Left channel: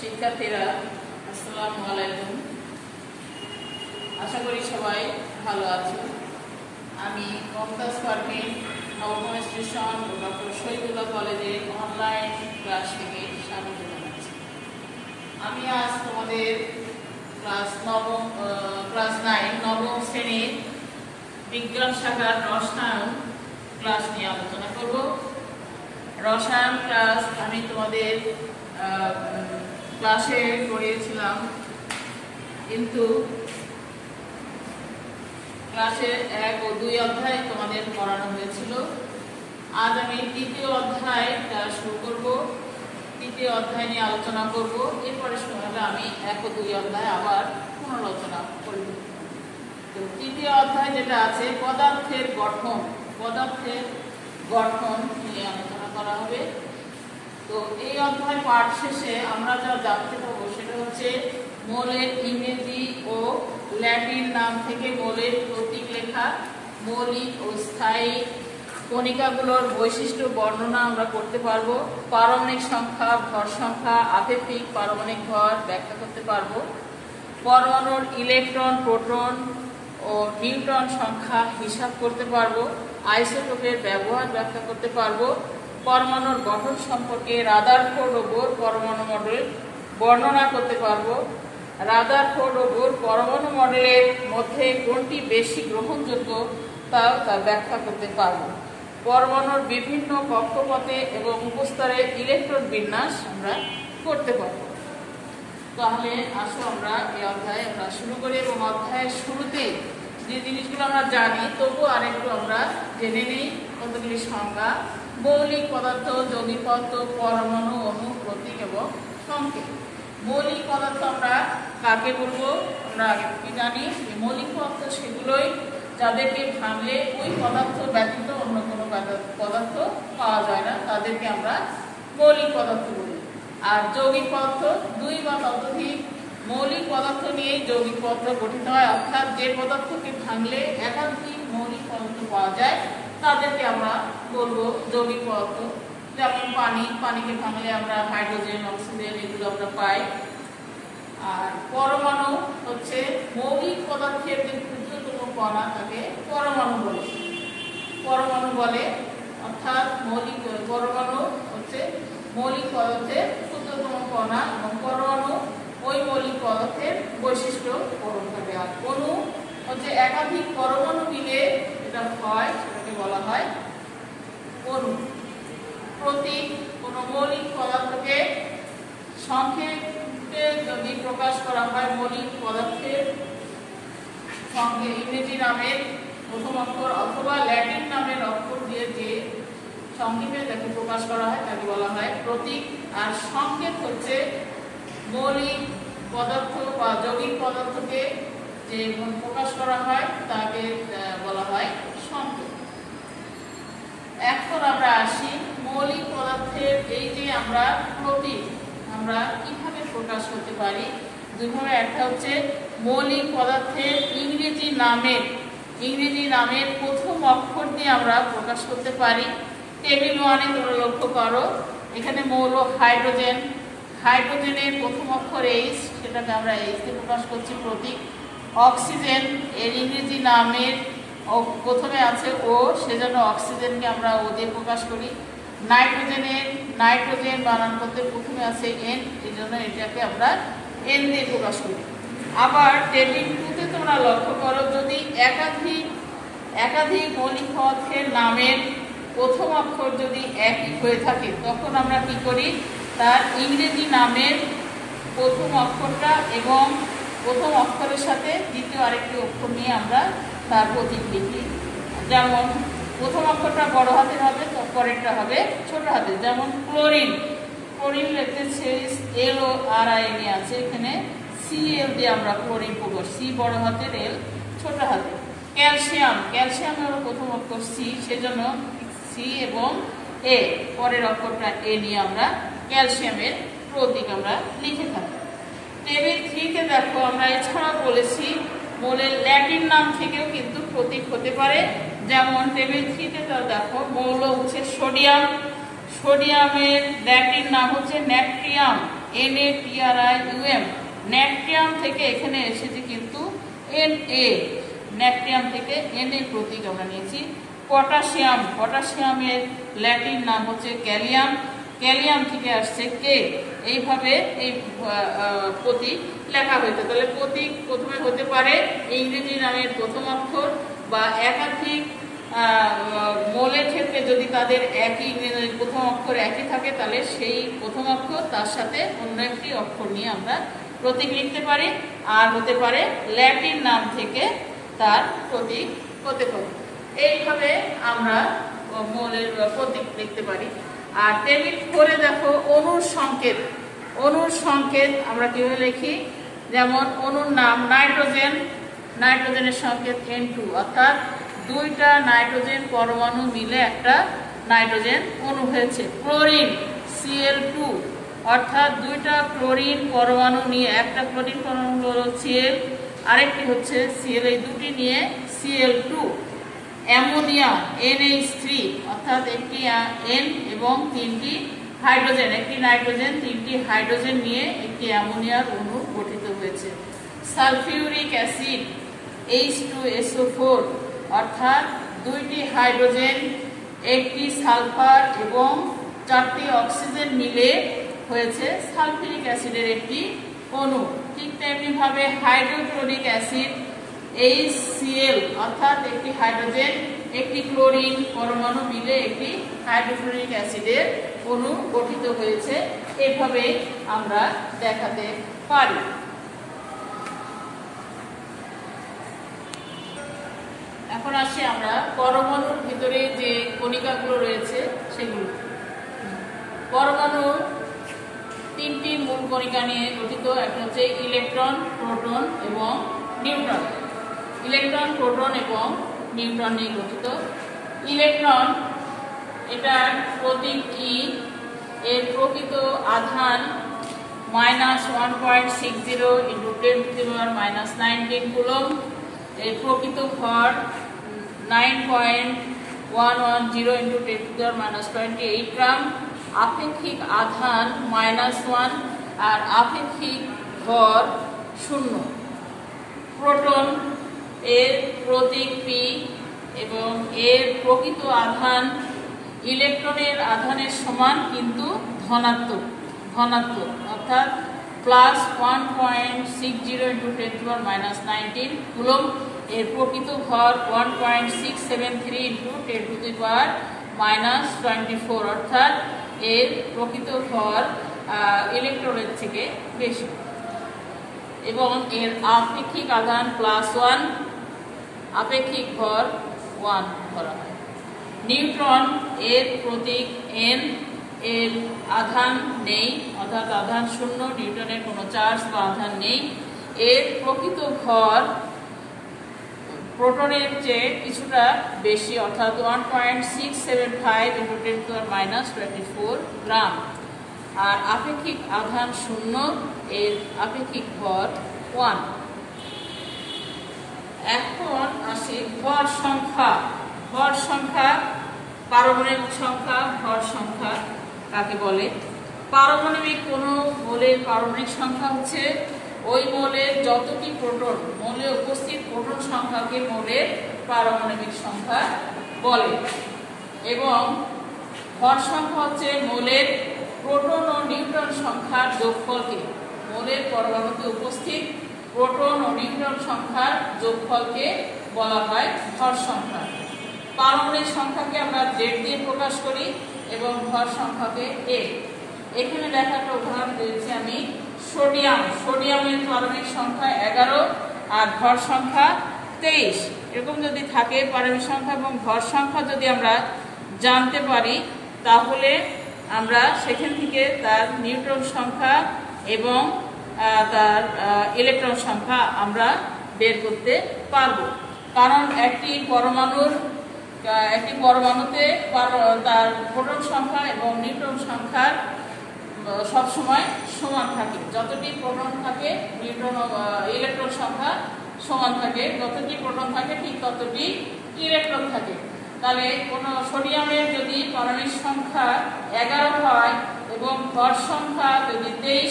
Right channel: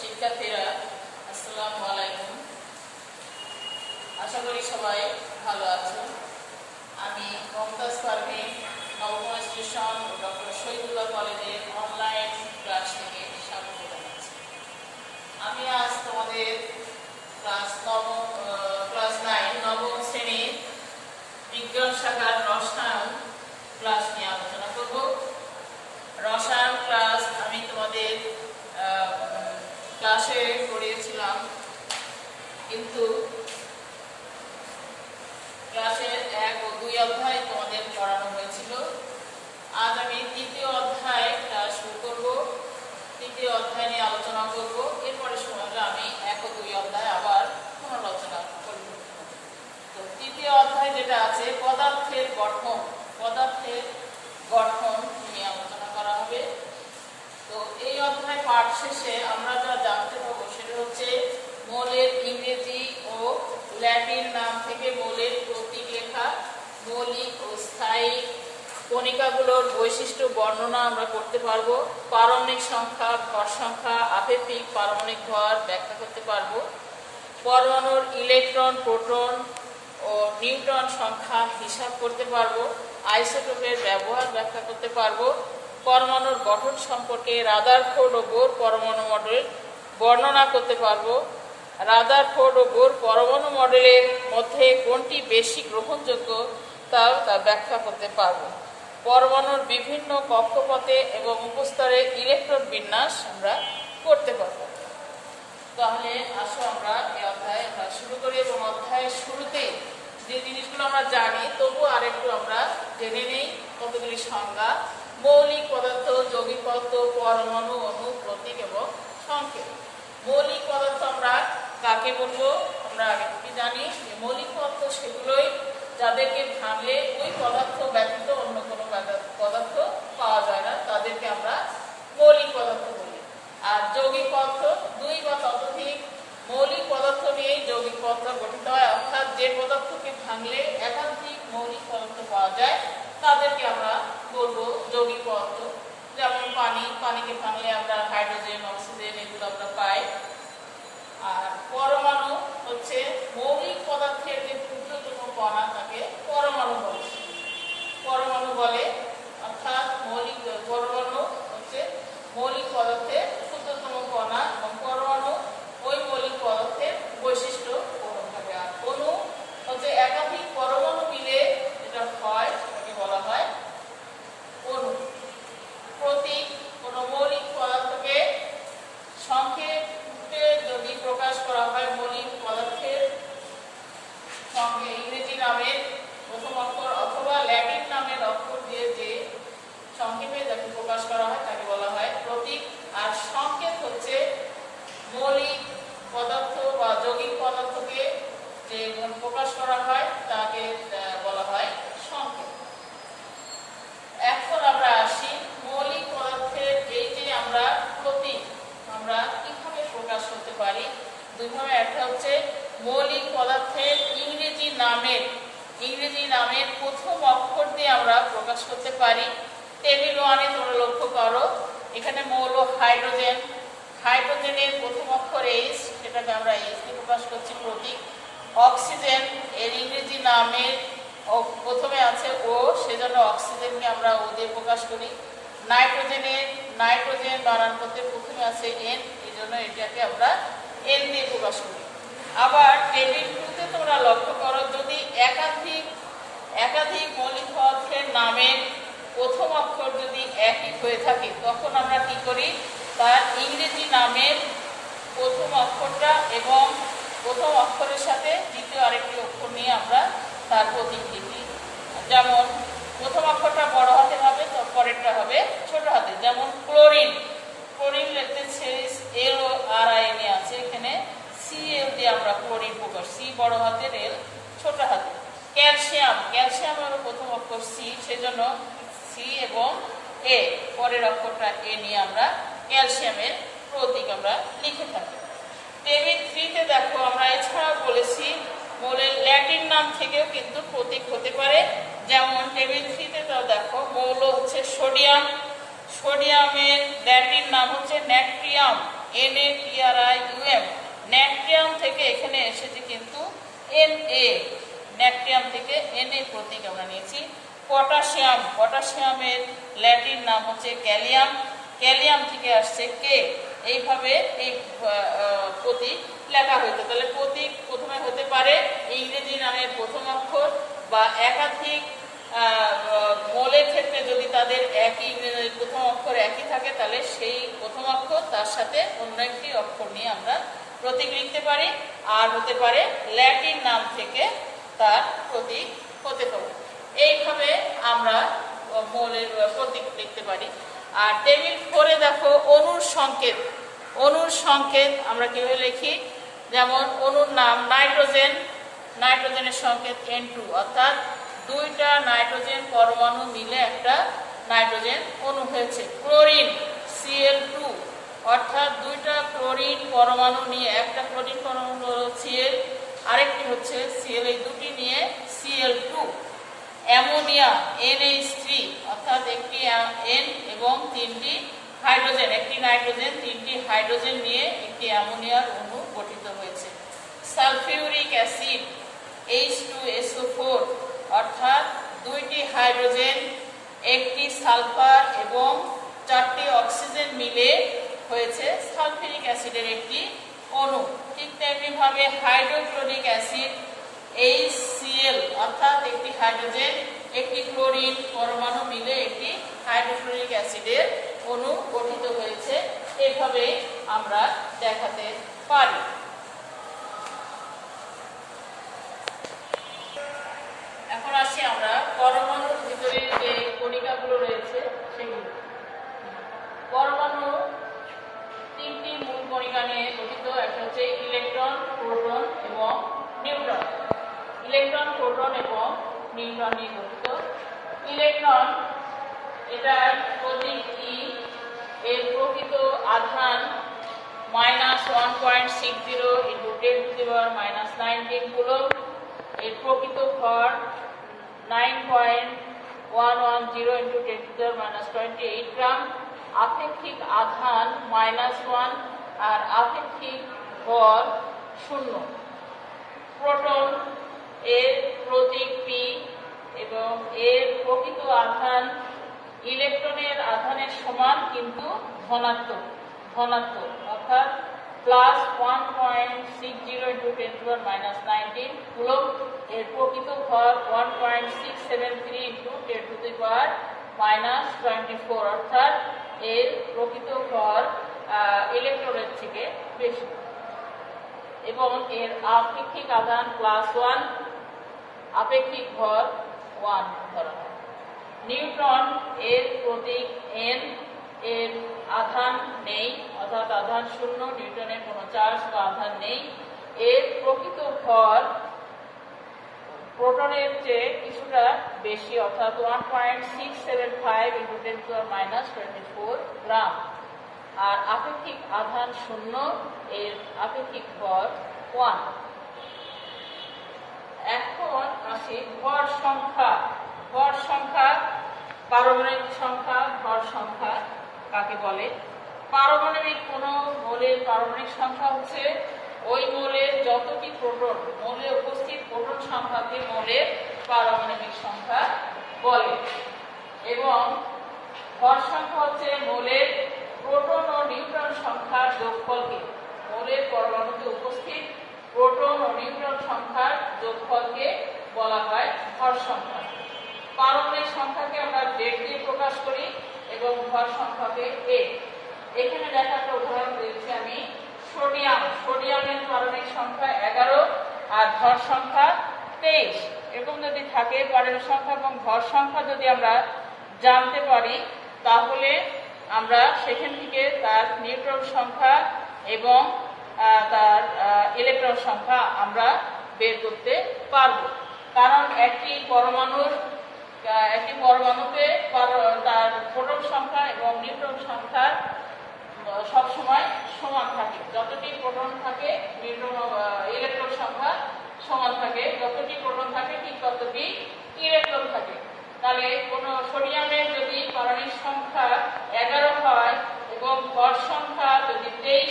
শিক্ষার্থীরা আসসালামু আলাইকুম। আশা করি সবাই ভালো আছো। আমি মমতাজ পারভিন নবম স্টেশন ডক্টর শহীদুল্লাহ কলেজে অনলাইন ক্লাস থেকে স্বাগত জানাচ্ছি। আমি আজ তোমাদের ক্লাস 9 নবম শ্রেণীর বিজ্ঞান শাখার রসায়ন ক্লাস নিয়ে আলোচনা করব। রসায়ন ক্লাস আমি তোমাদের ক্লাসে পড়িয়েছিলাম, কিন্তু ক্লাসের 1 ও 2 অধ্যায় তোমাদের পড়ানো হয়েছিল। আজ আমি তৃতীয় অধ্যায় ক্লাস শুরু করব। তৃতীয় অধ্যায় নিয়ে আলোচনা করব। এরপরে সময় হলে আমি 1 ও 2 অধ্যায় আবার পুনরালোচনা করব। তো তৃতীয় অধ্যায় যেটা আছে পদার্থের গঠন নিয়ে আলোচনা করা হবে। তো এই অধ্যায় পাঠ শেষে আমরা যা জানতে পারবো সেটা হচ্ছে মৌলের ইংরেজি ও ল্যাটিন নাম থেকে মৌলের প্রতীক লেখা, মৌলিক ও স্থায়ী কণিকাগুলোর বৈশিষ্ট্য বর্ণনা আমরা করতে পারবো, পারমাণবিক সংখ্যা, ভর সংখ্যা, আপেক্ষিক পারমাণবিক ভর ব্যাখ্যা করতে পারবো, পরমাণুর ইলেকট্রন, প্রোটন ও নিউট্রন সংখ্যা হিসাব করতে পারবো, আইসোটোপের ব্যবহার ব্যাখ্যা করতে পারবো, পরমাণুর গঠন সম্পর্কে রাদারফোর্ড ও বোর পরমাণু মডেল বর্ণনা করতে পারবো, রাদারফোর্ড ও বোর পরমাণু মডেলের মধ্যে কোনটি বেশি গ্রহণযোগ্য তা ব্যাখ্যা করতে পারবো, পরমাণুর বিভিন্ন কক্ষপথে এবং উপস্তরের ইলেকট্রন বিন্যাস আমরা করতে পারবো। তাহলে আসো আমরা এই অধ্যায় শুরু করি, এবং অধ্যায়ের শুরুতে যে জিনিসগুলো আমরা জানি তবু আরেকটু আমরা জেনে নিই কতগুলি সংজ্ঞা। মৌলিক পদার্থ, যৌগিক পদার্থ, পরমাণু, অণু, প্রতীক এবং সংকেত। মৌলিক পদার্থ আমরা কাকে বলবো? আমরা আগে থেকে জানি যে মৌলিক পদার্থ সেগুলোই যাদেরকে ভাঙলে ওই পদার্থ ব্যতীত অন্য কোনো পদার্থ পাওয়া যায় না, তাদেরকে আমরা মৌলিক পদার্থ বলি। আর যৌগিক পদার্থ 2 বা ততোধিক মৌলিক পদার্থ নিয়ে যৌগিক পদার্থ গঠিত হয়, অর্থাৎ যে পদার্থকে ভাঙলে একাধিক মৌলিক পদার্থ পাওয়া যায় তাদেরকে আমরা বলবো যৌগিক পদার্থ। যেমন পানিকে ভাঙলে আমরা হাইড্রোজেন, অক্সিজেন এগুলো আমরা পাই। আর পরমাণু হচ্ছে মৌলিক পদার্থের যে ক্ষুদ্রতম কণা তাকে পরমাণু বলে, অর্থাৎ পরমাণু হচ্ছে মৌলিক পদার্থের ক্ষুদ্রতম কণা, এবং পরমাণু ওই মৌলিক পদার্থের বৈশিষ্ট্য পূরণ করে। আর অণু হচ্ছে একাধিক পরমাণু মিলে যেটা হয় সেটাকে বলা হয় অণু। প্রতীক কোন মৌলিক পদার্থকে সংক্ষেপে যদি প্রকাশ করা হয়, মৌলিক পদার্থের সঙ্গে ইংরেজি নামের প্রথম অক্ষর অথবা ল্যাটিন নামের অক্ষর দিয়ে যে সংক্ষেপে যাকে প্রকাশ করা হয় তাকে বলা হয় প্রতীক। আর সংকেত হচ্ছে মৌলিক পদার্থ বা যৌগিক পদার্থকে যে প্রকাশ করা হয় তাকে বলা হয় সংকেত। এখন আমরা আসি মৌলিক পদার্থের এই যে আমরা প্রতীক আমরা কিভাবে প্রকাশ করতে পারি। 2 ভাবে। একটা হচ্ছে মৌলিক পদার্থের ইংরেজি নামের প্রথম অক্ষর দিয়ে আমরা প্রকাশ করতে পারি। টেবিল 1-এ তোমরা লক্ষ্য করো, এখানে মৌল হাইড্রোজেনের প্রথম অক্ষর H, সেটাকে আমরা H দিয়ে প্রকাশ করছি প্রতীক। অক্সিজেন এর ইংরেজি নামের প্রথমে আছে O, সেজন্য অক্সিজেনকে আমরা O দিয়ে প্রকাশ করি। নাইট্রোজেন বানান করতে প্রথমে আছে N, এই জন্য এটাকে আমরা N দিয়ে প্রকাশ করি। আবার টেবিল 2-তে তোমরা লক্ষ্য করো, যদি একাধিক মৌলিক পদার্থের নামের প্রথম অক্ষর যদি একই হয়ে থাকে তখন আমরা কি করি, তার ইংরেজি নামের প্রথম অক্ষরটা এবং প্রথম অক্ষরের সাথে দ্বিতীয় আরেকটি অক্ষর নিয়ে আমরা তার প্রতীক লিখি। যেমন প্রথম অক্ষরটা বড় হাতের হবে, পরেরটা হবে ছোট হাতের। যেমন ক্লোরিন লিখতে CLORIN আছে, এখানে CL দিয়ে আমরা ক্লোরিন প্রকাশ, C বড় হাতের, L ছোট হাতের। ক্যালসিয়ামের প্রথম অক্ষর C, সেজন্য C এবং A, পরের অক্ষরটা A নিয়ে আমরা ক্যালসিয়ামের প্রতীক আমরা লিখে থাকি। টেবিল 3-তে দেখো, আমরা এছাড়াও বলেছি মৌলের ল্যাটিন নাম থেকেও কিন্তু প্রতীক হতে পারে। যেমন টেবিল 3-তে দেখো মৌল হচ্ছে সোডিয়ামের ল্যাটিন নাম হচ্ছে NaTrIUM। ন্যাট্রিয়াম থেকে এখানে এসেছে কিন্তু Na, ন্যাট্রিয়াম থেকে Na প্রতীক আমরা নিয়েছি। পটাশিয়াম, পটাশিয়ামের ল্যাটিন নাম হচ্ছে ক্যালিয়াম, ক্যালিয়াম থেকে আসছে কে। এইভাবে এই প্রতীক লেখা হইতো। তাহলে প্রতীক প্রথমে হতে পারে ইংরেজি নামের প্রথম অক্ষর বা একাধিক মৌলের ক্ষেত্রে যদি তাদের একই ইংরেজি প্রথম অক্ষর একই থাকে তাহলে সেই প্রথম অক্ষর তার সাথে অন্য একটি অক্ষর নিয়ে আমরা প্রতীক লিখতে পারি। আর হতে পারে ল্যাটিন নাম থেকে তার প্রতীক হতে পারে। এইভাবে আমরা মৌলের প্রতীক লিখতে পারি। আর টেবিল 4-এ দেখো অণুর সংকেত। অণুর সংকেত আমরা কিভাবে লিখি? যেমন অণুর নাম নাইট্রোজেন, নাইট্রোজেনের সংকেত N2, অর্থাৎ দুইটা নাইট্রোজেন পরমাণু মিলে একটা নাইট্রোজেন অণু হয়েছে। ক্লোরিন Cl2, অর্থাৎ দুইটা ক্লোরিন পরমাণু নিয়ে, একটা ক্লোরিন পরমাণু হলো Cl, আরেকটি হচ্ছে Cl, এই দুটি নিয়ে Cl2। অ্যামোনিয়া NH3, অর্থাৎ একটি N এবং তিনটি হাইড্রোজেন, একটি নাইট্রোজেন তিনটি হাইড্রোজেন নিয়ে একটি অ্যামোনিয়ার অণু গঠিত হয়েছে। সালফিউরিক অ্যাসিড H2SO4, অর্থাৎ দুইটি হাইড্রোজেন, একটি সালফার এবং চারটি অক্সিজেন মিলে হয়েছে সালফিউরিক অ্যাসিডের একটি অণু। ঠিক তেমনি ভাবে হাইড্রোক্লোরিক অ্যাসিড HCl, অর্থাৎ একটি হাইড্রোজেন একটি ক্লোরিন পরমাণু মিলে একটি হাইড্রোক্লোরিক অ্যাসিডের অণু গঠিত হয়েছে। এভাবে আমরা দেখাতে পারি। এখন আসি আমরা পরমাণুর ভিতরে যে কণিকাগুলো রয়েছে সেগুলো। পরমাণু তিনটি মূল কণিকা নিয়ে গঠিত। একটা হচ্ছে ইলেকট্রন, প্রোটন এবং নিউট্রন। ইলেকট্রন, প্রোটন এবং নিউট্রন নিয়ে গঠিত। ইলেকট্রন, এটার প্রতীক E, এর প্রকৃত আধান -1.60 × 10⁻⁻19 কুলম্ব, এর প্রকৃত ভর 9.110 × 10⁻28 গ্রাম, আপেক্ষিক আধান -1 আর আপেক্ষিক ভর 0। প্রোটন, এর প্রতীক P এবং এর প্রকৃত আধান ইলেকট্রনের আধানের সমান কিন্তু ধনাত্মক, অর্থাৎ +1.60 × 10⁻19 কুলম্ব, এর প্রকৃত ভর 1.673 × 10⁻24, অর্থাৎ এর প্রকৃত ভর ইলেকট্রনের থেকে বেশি এবং এর আপেক্ষিক আধান +1, আপেক্ষিক ভর 1 ধরা হয়। নিউট্রন, এর প্রতীক N, এর আধান নেই, অর্থাৎ আধান 0, নিউটনের কোনো চার্জ বা আধান নেই। এর প্রকৃত ভর প্রোটনের চেয়ে কিছুটা বেশি, অর্থাৎ 1.675 × 10⁻24 গ্রাম। আর আপেক্ষিক আধান 0, এর আপেক্ষিক ভর 1। এখন আসি ভর সংখ্যা। ভর সংখ্যা, পারমাণবিক সংখ্যা, ভর সংখ্যা কাকে বলে? পারমাণবিক কোনো মৌলের পারমাণবিক সংখ্যা হচ্ছে ওই মৌলের যতটি প্রোটন, মৌলে উপস্থিত প্রোটন সংখ্যাকে মৌলের পারমাণবিক সংখ্যা বলে। এবং ভর সংখ্যা হচ্ছে মৌলের প্রোটন ও নিউট্রন সংখ্যার যোগফলকে, মৌলের পরমাণুতে উপস্থিত প্রোটন ও নিউট্রন সংখ্যার যোগফলকে বলা হয় ভর সংখ্যা। পারমাণবিক সংখ্যাকে আমরা Z দিয়ে প্রকাশ করি এবং ভর সংখ্যাকে A। এখানে দেখা একটা উদাহরণ দিয়েছি আমি। সোডিয়াম, সোডিয়ামের পারমাণবিক সংখ্যা 11 আর ভর সংখ্যা 23। এরকম যদি থাকে পারমাণবিক সংখ্যা এবং ভর সংখ্যা যদি আমরা জানতে পারি তাহলে আমরা সেখান থেকে তার নিউট্রন সংখ্যা এবং তার ইলেকট্রন সংখ্যা আমরা বের করতে পারবো। কারণ একটি পরমাণুতে তার প্রোটন সংখ্যা এবং নিউট্রন সংখ্যার সবসময় সমান থাকে। যতটি প্রোটন থাকে নিউট্রন ইলেকট্রন সংখ্যা সমান থাকে, যতটি প্রোটন থাকে ঠিক ততটি ইলেকট্রন থাকে। তাহলে কোনো সোডিয়ামের যদি পারমাণবিক সংখ্যা 11 হয় এবং ভর সংখ্যা যদি 23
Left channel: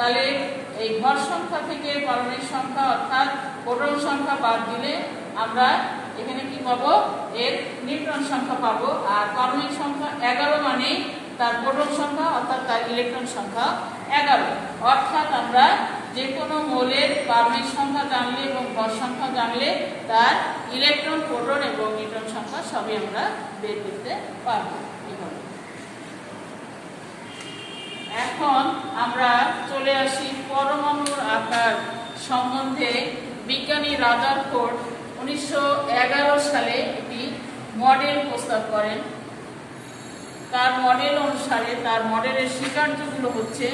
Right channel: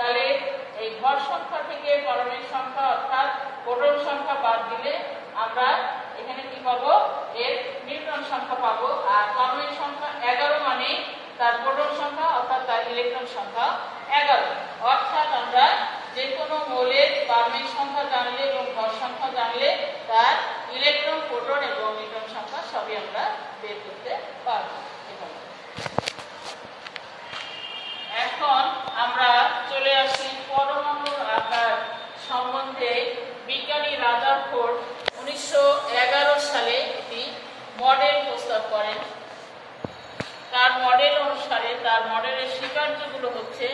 তাহলে এই ভর সংখ্যা থেকে পারমাণবিক সংখ্যা অর্থাৎ প্রোটন সংখ্যা বাদ দিলে আমরা এখানে কি পাবো, এর নিউট্রন সংখ্যা পাবো। আর পারমাণবিক সংখ্যা 11 মানে তার প্রোটন সংখ্যা অর্থাৎ তার ইলেকট্রন সংখ্যা 11। অর্থাৎ আমরা যে কোনো মৌলের পারমাণবিক সংখ্যা জানলে এবং ভর সংখ্যা জানলে তার ইলেকট্রন, প্রোটন এবং নিউট্রন সংখ্যা সবই আমরা বের করতে পারবো। এখন আমরা চলে আসি পরমাণুর আকার সম্বন্ধে। বিজ্ঞানী রাদারফোর্ড 1911 সালে একটি মডেল প্রস্তাব করেন। তার মডেল অনুসারে তার মডেলের স্বীকার্যগুলো হচ্ছে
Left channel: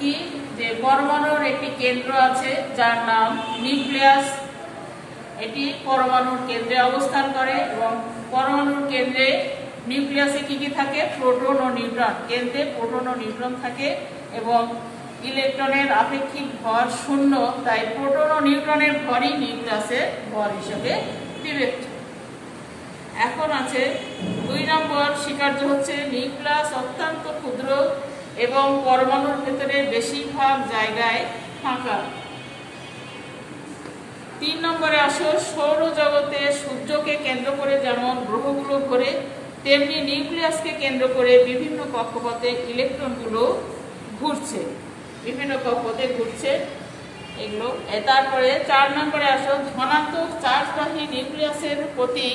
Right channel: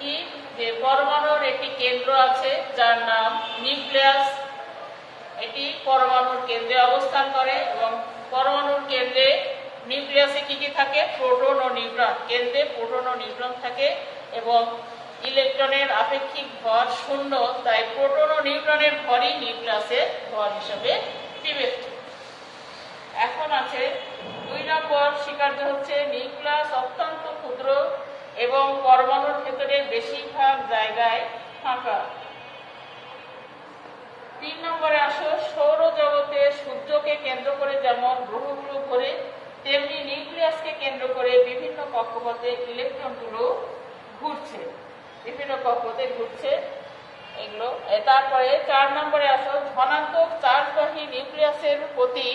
কি, যে পরমাণুর একটি কেন্দ্র আছে যার নাম নিউক্লিয়াস। এটি পরমাণুর কেন্দ্রে অবস্থান করে এবং পরমাণুর কেন্দ্রে নিউক্লিয়াসে কি কি থাকে, প্রোটন ও নিউট্রন। কেন্দ্রে প্রোটন ও নিউট্রন থাকে এবং ইলেকট্রনের আপেক্ষিক ভর 0, তাই প্রোটন ও নিউট্রনের ভরই নিউক্লিয়াসের ভর হিসেবে বিবেচ্য। এখন আছে 2 নম্বর স্বীকার্য হচ্ছে নিউক্লিয়াস অত্যন্ত ক্ষুদ্র এবং পরমাণুর ভেতরে বেশিরভাগ জায়গায় ফাঁকা। 3 নম্বরে আসো, সৌরজগতে সূর্যকে কেন্দ্র করে যেমন গ্রহগুলো ঘোরে তেমনি নিউক্লিয়াসকে কেন্দ্র করে বিভিন্ন কক্ষপথে ইলেকট্রনগুলো ঘুরছে, বিভিন্ন কক্ষপথে ঘুরছে এগুলো। তারপরে 4 নম্বরে আসো, ধনাত্মক চার্জবাহী নিউক্লিয়াসের প্রতি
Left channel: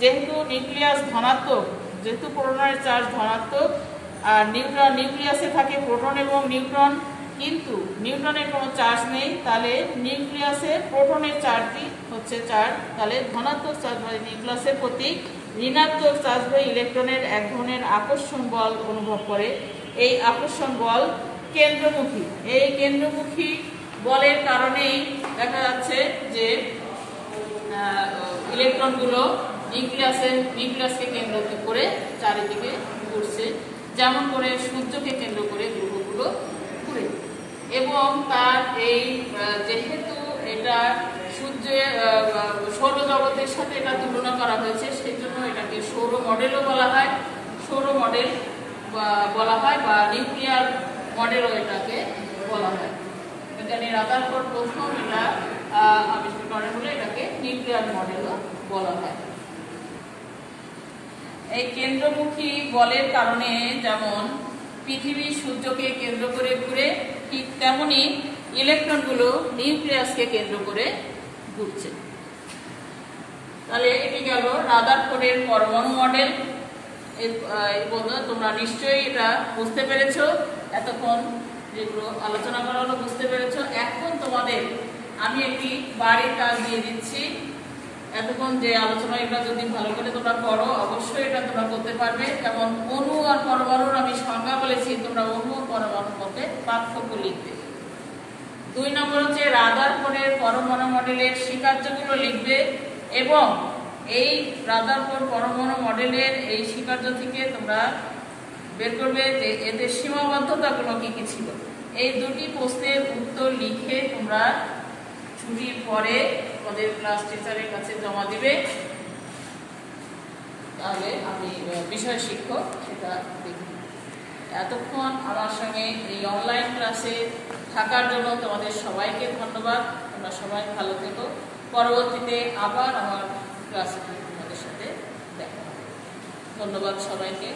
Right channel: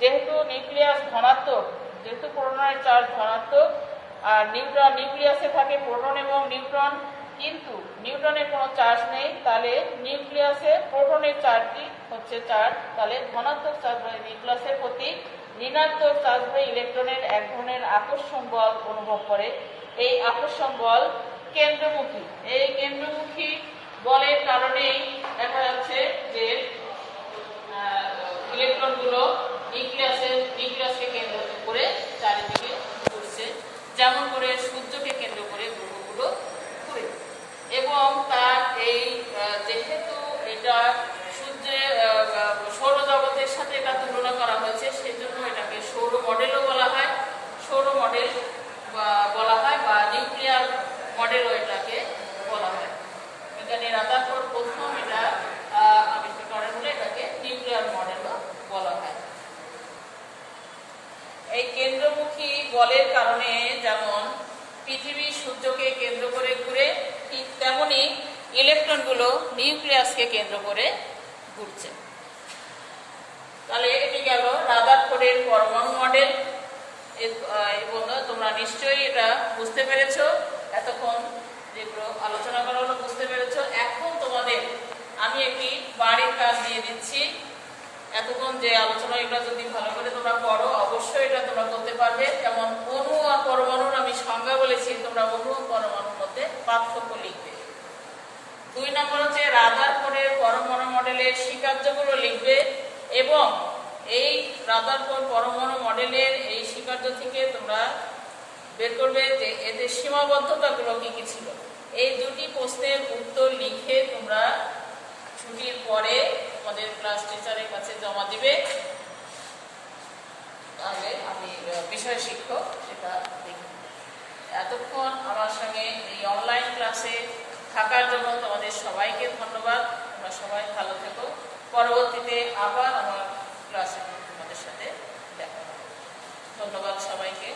যেহেতু নিউক্লিয়াস ধনাত্মক, যেহেতু প্রোটনের চার্জ ধনাত্মক আর নিউক্লিয়াসে থাকে প্রোটন এবং নিউট্রন, কিন্তু নিউট্রনের কোনো চার্জ নেই, তাহলে নিউক্লিয়াসের প্রোটনের চার্জই হচ্ছে চার্জ। তাহলে ধনাত্মক চার্জবাহী নিউক্লিয়াসের প্রতি ঋণাত্মক চার্জবাহী ইলেকট্রনের এক ধরনের আকর্ষণ বল অনুভব করে। এই আকর্ষণ বল কেন্দ্রমুখী। এই কেন্দ্রমুখী বলের কারণেই দেখা যাচ্ছে যে ইলেকট্রনগুলো নিউক্লিয়াসকে কেন্দ্র করে চারিদিকে ঘুরছে, যেমন করে সূর্যকে কেন্দ্র করে গ্রহগুলো ঘুরে। এবং তার এই যেহেতু এটা সূর্যের সৌরজগতের সাথে এটা তুলনা করা হয়েছে, সেই জন্য এটাকে সৌর মডেলও বলা হয়, সৌর মডেল বলা হয় বা নিউক্লিয়ার মডেলও এটাকে বলা হয়। বিজ্ঞানী রাদারফোর্ড প্রথম এটা আবিষ্কার করেন বলে এটাকে নিউক্লিয়ার মডেলও বলা হয়। এই কেন্দ্রমুখী বলের কারণে যেমন পৃথিবী সূর্যকে কেন্দ্র করে ঘুরে, ঠিক তেমনি ইলেকট্রনগুলো নিউক্লিয়াসকে কেন্দ্র করে ঘুরছে। তাহলে এটি গেল রাদারফোর্ডের পরমাণু মডেল। এবং তোমরা নিশ্চয়ই এটা বুঝতে পেরেছো, এতক্ষণ যেগুলো আলোচনা করা হলো বুঝতে পেরেছো। এখন তোমাদের আমি একটি বাড়ির কাজ দিয়ে দিচ্ছি। এতক্ষণ যে আলোচনা এটা যদি ভালো করে তোমরা করো, অবশ্যই এটা তোমরা করতে পারবে। যেমন অণু আর পরমাণুর আমি সংজ্ঞা বলেছি, তোমরা অণু ও পরমাণুর মধ্যে পার্থক্য লিখবে। 2 নম্বর হচ্ছে রাদারফোর্ডের পরমাণু মডেলের স্বীকার্যগুলো লিখবে এবং এই রাদারফোর্ড পরমাণু মডেলের এই স্বীকার্য থেকে তোমরা বের করবে যে এদের সীমাবদ্ধতাগুলো কি কি ছিল। এই 2টি প্রশ্নের উত্তর লিখে তোমরা ছুটির পরে আমাদের ক্লাস টিচারের কাছে জমা দিবে, তাহলে আমি বিষয় শিক্ষক সেটা দেখব। এতক্ষণ আমার সঙ্গে এই অনলাইন ক্লাসে থাকার জন্য তোমাদের সবাইকে ধন্যবাদ। তোমরা সবাই ভালো থেকো। পরবর্তীতে আবার আমার ক্লাসে তোমাদের সাথে দেখা হবে। ধন্যবাদ সবাইকে।